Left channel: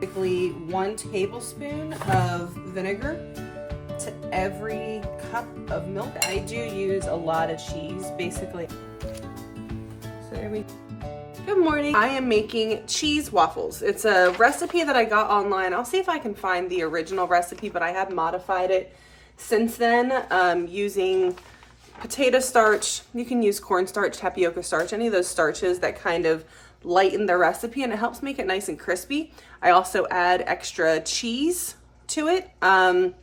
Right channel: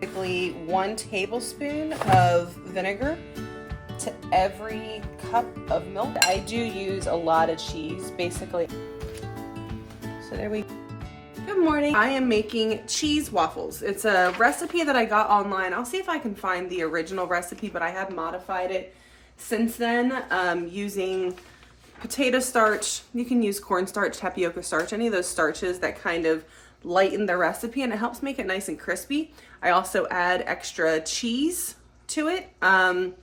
Basically 1 tablespoon of vinegar to every cup of milk. I do use a lot of cheese, basically. So there we go. Good morning. I am making cheese waffles. It's a recipe that I got online. I'll see if I can find the original recipe, but I have modified it since then using potato starch. You can use cornstarch, tapioca starch, any of those starches that kind of lighten the recipe, and it helps make it nice and crispy. I also add extra cheese to it. And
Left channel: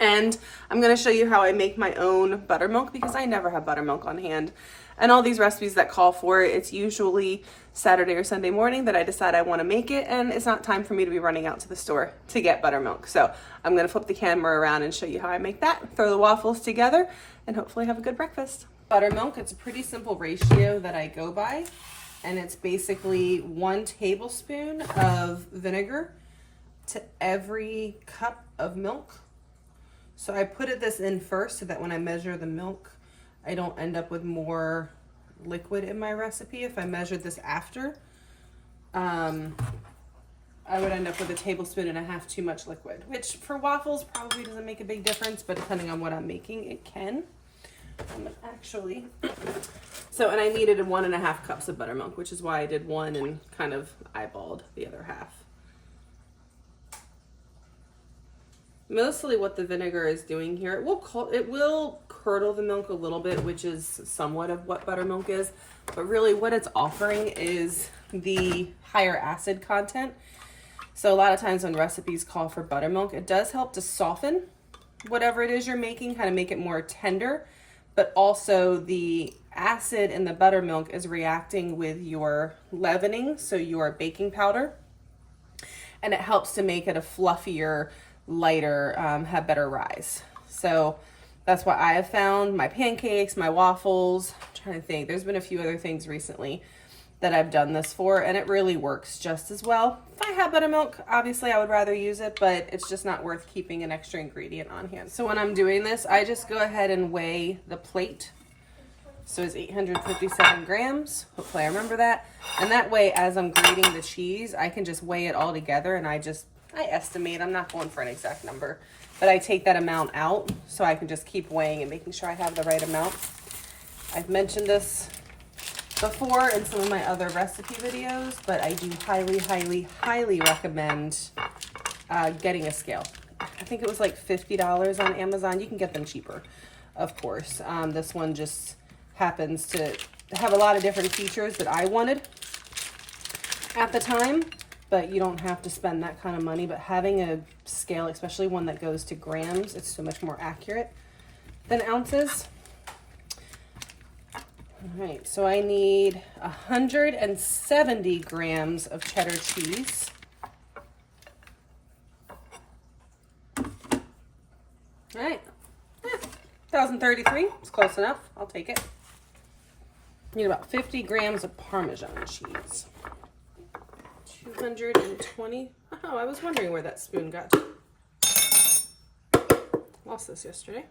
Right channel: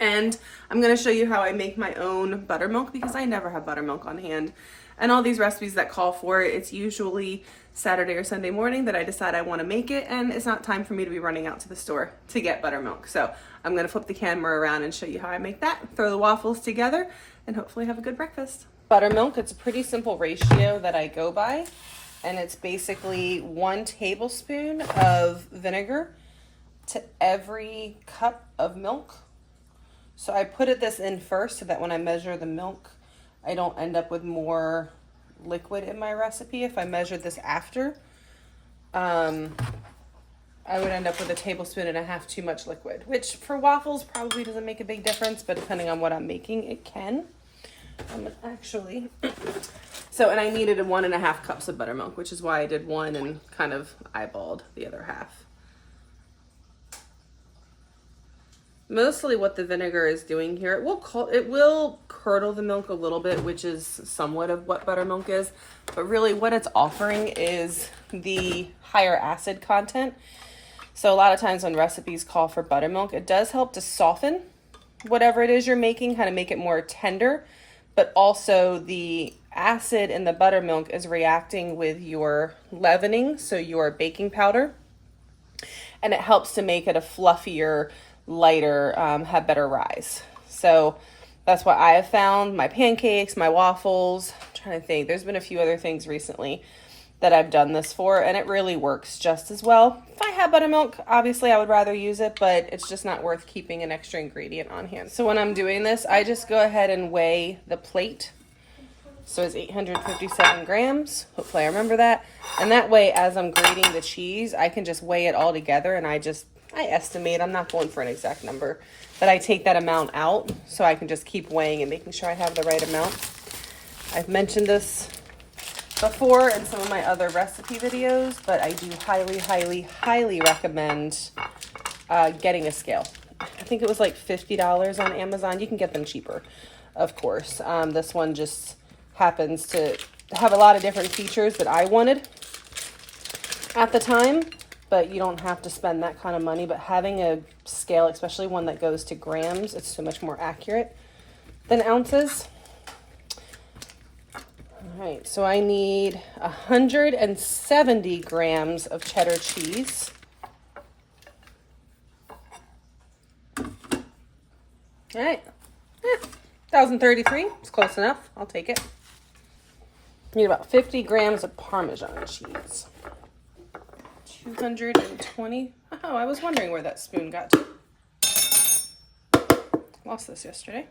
I'm going to show you how I make my own buttermilk because I never have buttermilk on hand. And all these recipes that call for it, it's usually Saturday or Sunday morning that I decide I want to make it, and it's not time for me to be running out to the store to get buttermilk. So I'm going to flip the camera around and show you how I make that, throw the waffles together, and hopefully have a good breakfast. Buttermilk, it's a pretty simple ratio that I go by, and it's basically 1 tablespoon of vinegar to every cup of milk. So I put this in first so that when I measure the milk, I don't end up with more liquid in my recipe. If I measured this after, I would end up with 1.5 tablespoons too much liquid, which for waffles probably doesn't make a big difference, but depending on what I'm making, it can. Actually, and I needed 1.5 cups of buttermilk, which is why I did 1 and kind of eyeballed the other half. Mostly what the vinegar is doing here, it will curdle the milk a little bit, which is somewhat of what buttermilk is, but really what it's offering is the higher acid content. So a lot of times when recipes call for buttermilk, it does help to soften whatever it is you're making, kind of make it more tender, but also the acid in the buttermilk is reacting with your leavening, so your baking powder, and it helps to make it a fluffier, lighter, have better rise. So that's what I have found. My pancakes, my waffles, I'm trying to think, there's been a few other things recently that I've done this for, and it really works just as well. If I had buttermilk, obviously I would rather use it, but it's just not worth keeping an extra ingredient on hand. So when I'm doing this, I just go ahead and weigh the plate. So it's 857 grams. Hopefully I remember that. And that way, as I'm grating the cheese, I can just weigh it all together, and I estimate. I'm not going for an exact number, but I take that amount out so I can just keep weighing and making sure I have the right amount. I've mentioned this before in some of my other recipe videos, but I do highly, highly, highly recommend getting a scale. I think it was like $50 on Amazon. You can get them cheaper, of course. This one just happens to have a lot of different features that I wanted at the time, but you don't have to spend that kind of money. But having a scale, especially one that goes to grams, it's so much more accurate than ounces. All right, so I need 170 grams of cheddar cheese. All right, 1,033, it's close enough, I'll take it. Need about 50 grams of parmesan cheese. 220. Oh, I was wondering where that spoon got to. Lost this yesterday.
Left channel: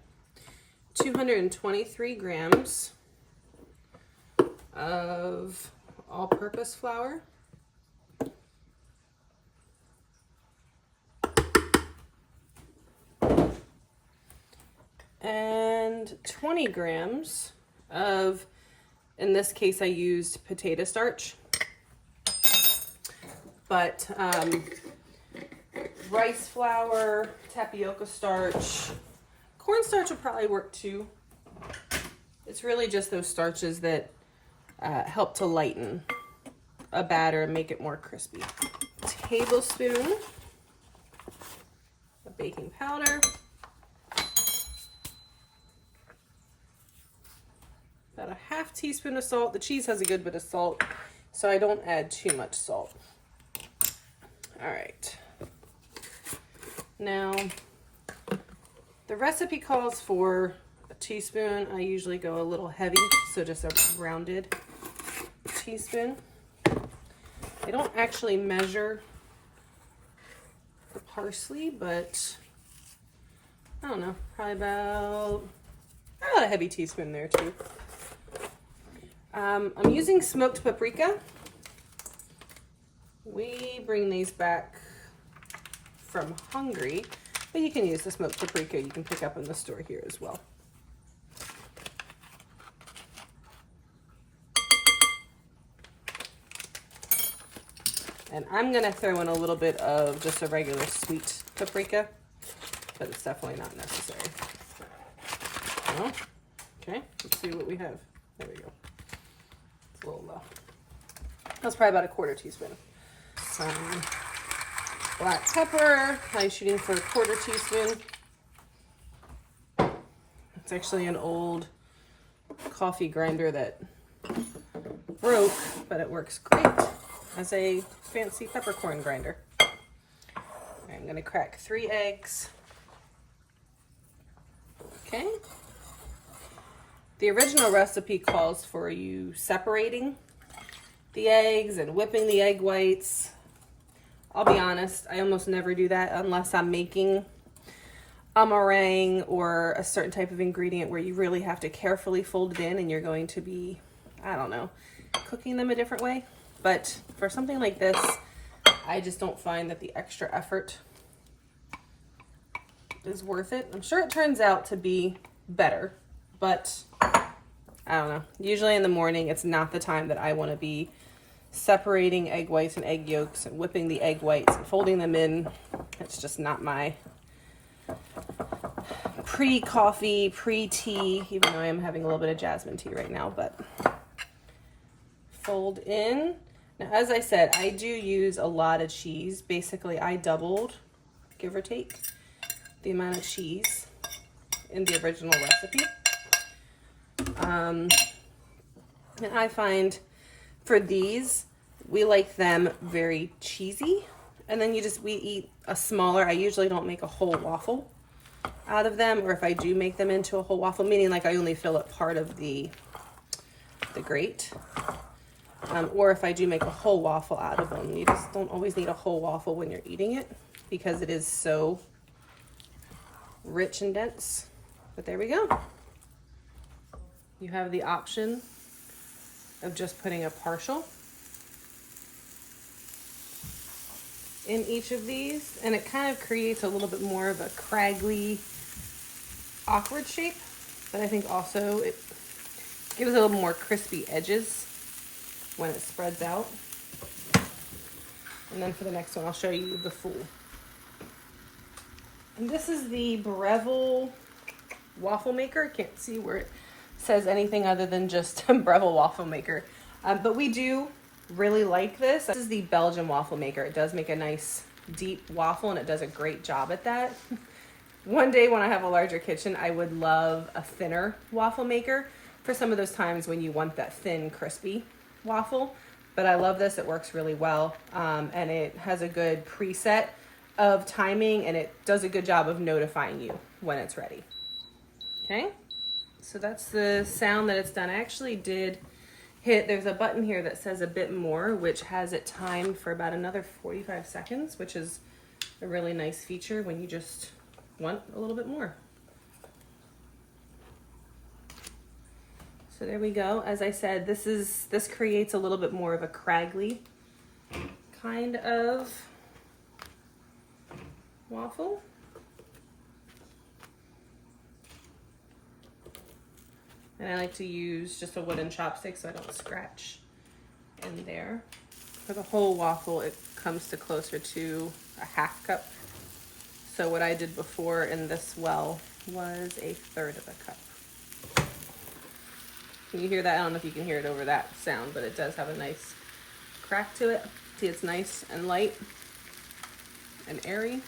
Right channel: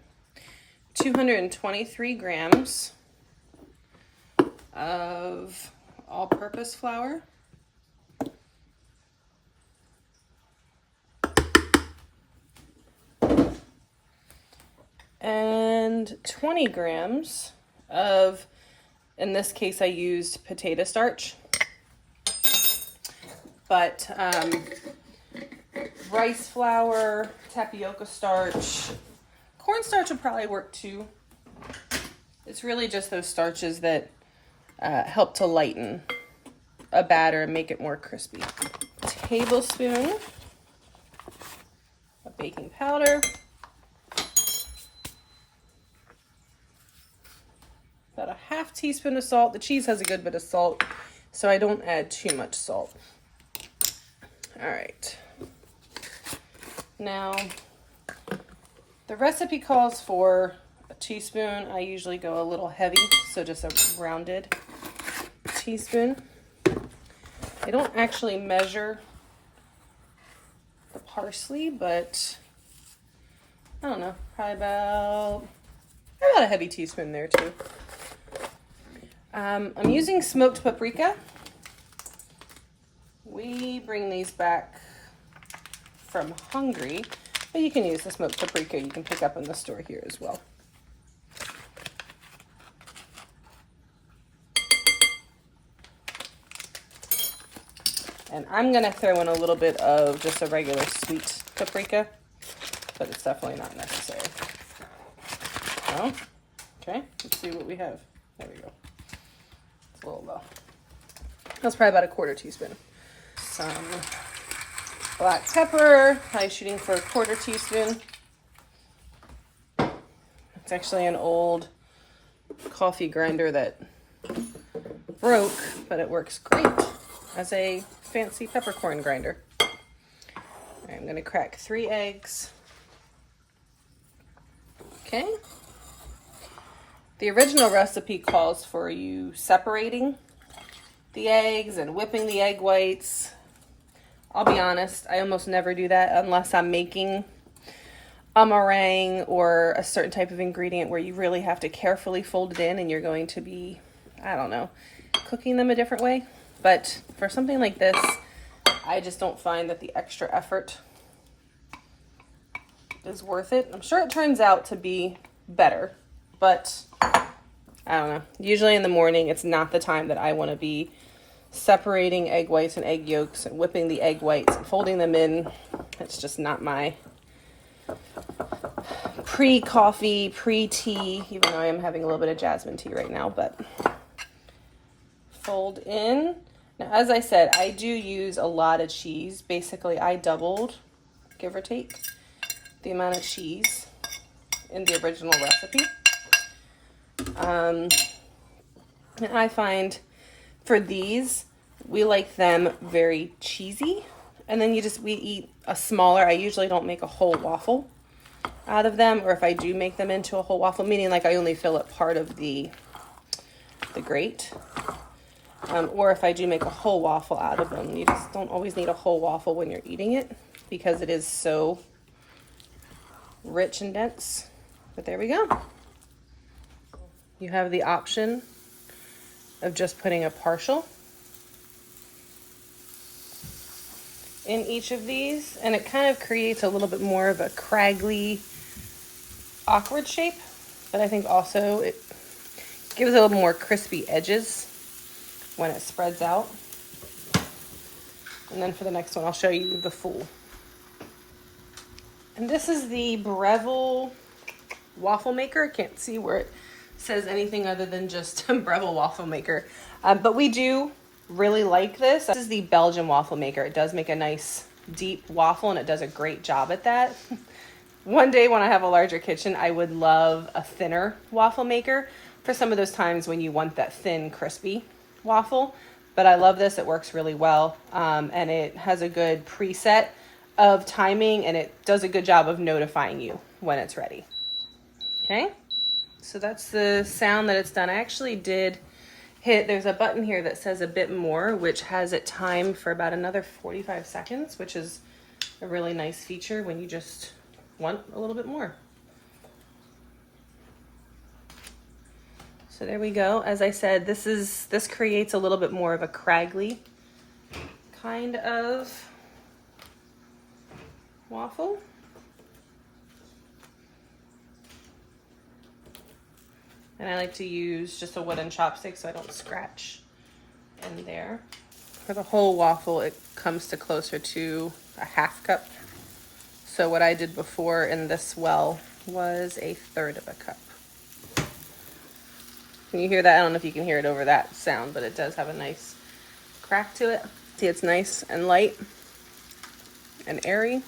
223 grams of all-purpose flour. And 20 grams of, in this case I used potato starch, but rice flour, tapioca starch, cornstarch would probably work too. It's really just those starches that help to lighten a batter and make it more crispy. A tablespoon of baking powder. About 1/2 teaspoon of salt. The cheese has a good bit of salt, so I don't add too much salt. All right. Now, the recipe calls for a teaspoon. I usually go a little heavy, so just a rounded teaspoon. I don't actually measure the parsley, but I don't know, probably about a heavy teaspoon there too. I'm using smoked paprika. We bring these back from Hungry, but you can use the smoked paprika you can pick up in the store here as well. And I'm gonna throw in a little bit of just a regular sweet paprika, but it's definitely not necessary. Oh, okay, let's see what we have. There we go. It's a little low. That's probably about a 1/4 teaspoon. Some black pepper. I'm shooting for a 1/4 teaspoon. It's actually an old coffee grinder that broke, but it works great as a fancy peppercorn grinder. I'm gonna crack 3 eggs. Okay. The original recipe calls for you separating the eggs and whipping the egg whites. I'll be honest, I almost never do that unless I'm making a meringue or a certain type of ingredient where you really have to carefully fold it in and you're going to be, I don't know, cooking them a different way. But for something like this, I just don't find that the extra effort is worth it. I'm sure it turns out to be better, but I don't know. Usually in the morning, it's not the time that I want to be separating egg whites and egg yolks and whipping the egg whites and folding them in. It's just not my pre-coffee, pre-tea, even though I am having a little bit of jasmine tea right now, but fold in. Now, as I said, I do use a lot of cheese. Basically, I doubled, give or take, the amount of cheese in the original recipe. And I find for these, we like them very cheesy. And then we eat a smaller, I usually don't make a whole waffle out of them. Or if I do make them into a whole waffle, meaning like I only fill up part of the grate. Or if I do make a whole waffle out of them. You just don't always need a whole waffle when you're eating it because it is so rich and dense. But there we go. You have the option of just putting a partial in each of these, and it kind of creates a little bit more of a craggly, awkward shape, but I think also it gives it a little more crispy edges when it spreads out. And then for the next one, I'll show you the full. And this is the Breville waffle maker. I can't see where it says anything other than just Breville waffle maker. But we do really like this. This is the Belgian waffle maker. It does make a nice deep waffle and it does a great job at that. One day when I have a larger kitchen, I would love a thinner waffle maker for some of those times when you want that thin, crispy waffle. But I love this. It works really well. And it has a good preset of timing and it does a good job of notifying you when it's ready. Okay, so that's the sound that it's done. I actually did hit, there's a button here that says a bit more, which has it timed for about another 45 seconds, which is a really nice feature when you just want a little bit more. So there we go. As I said, this creates a little bit more of a craggly kind of waffle. And I like to use just a wooden chopstick so I don't scratch in there. For the whole waffle, it comes to closer to a 1/2 cup. So what I did before in this well was 1/3 of a cup. Can you hear that? I don't know if you can hear it over that sound, but it does have a nice crack to it. See, it's nice and light and airy.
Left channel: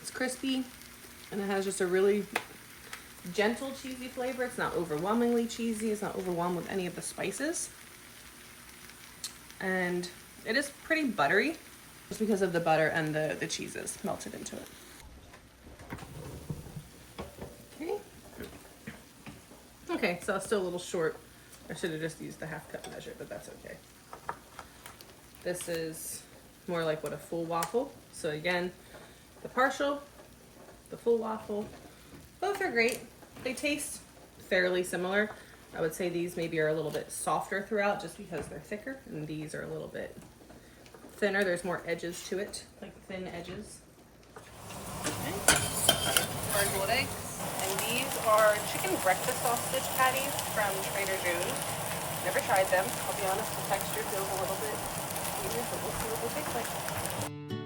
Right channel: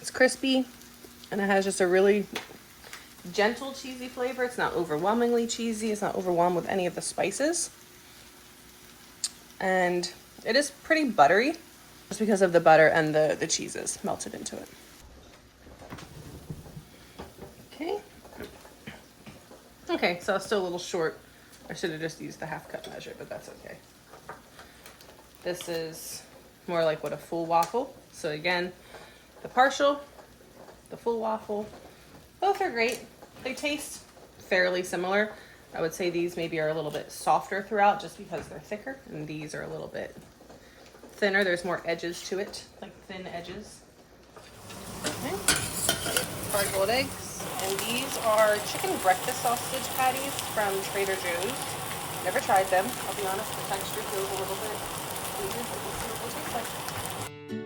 It's crispy and it has just a really gentle cheesy flavor. It's not overwhelmingly cheesy. It's not overwhelmed with any of the spices. And it is pretty buttery just because of the butter and the cheeses melted into it. Okay. Okay, so it's still a little short. I should have just used the 1/2 cup measure, but that's okay. This is more like what a full waffle. So again, the partial, the full waffle, both are great. They taste fairly similar. I would say these maybe are a little bit softer throughout just because they're thicker, and these are a little bit thinner. There's more edges to it, like thin edges. Okay. Hard-boiled eggs. And these are chicken breakfast sausage patties from Trader Joe's. Never tried them. I'll be honest, the texture feels a little bit weird, but we'll see what they taste like.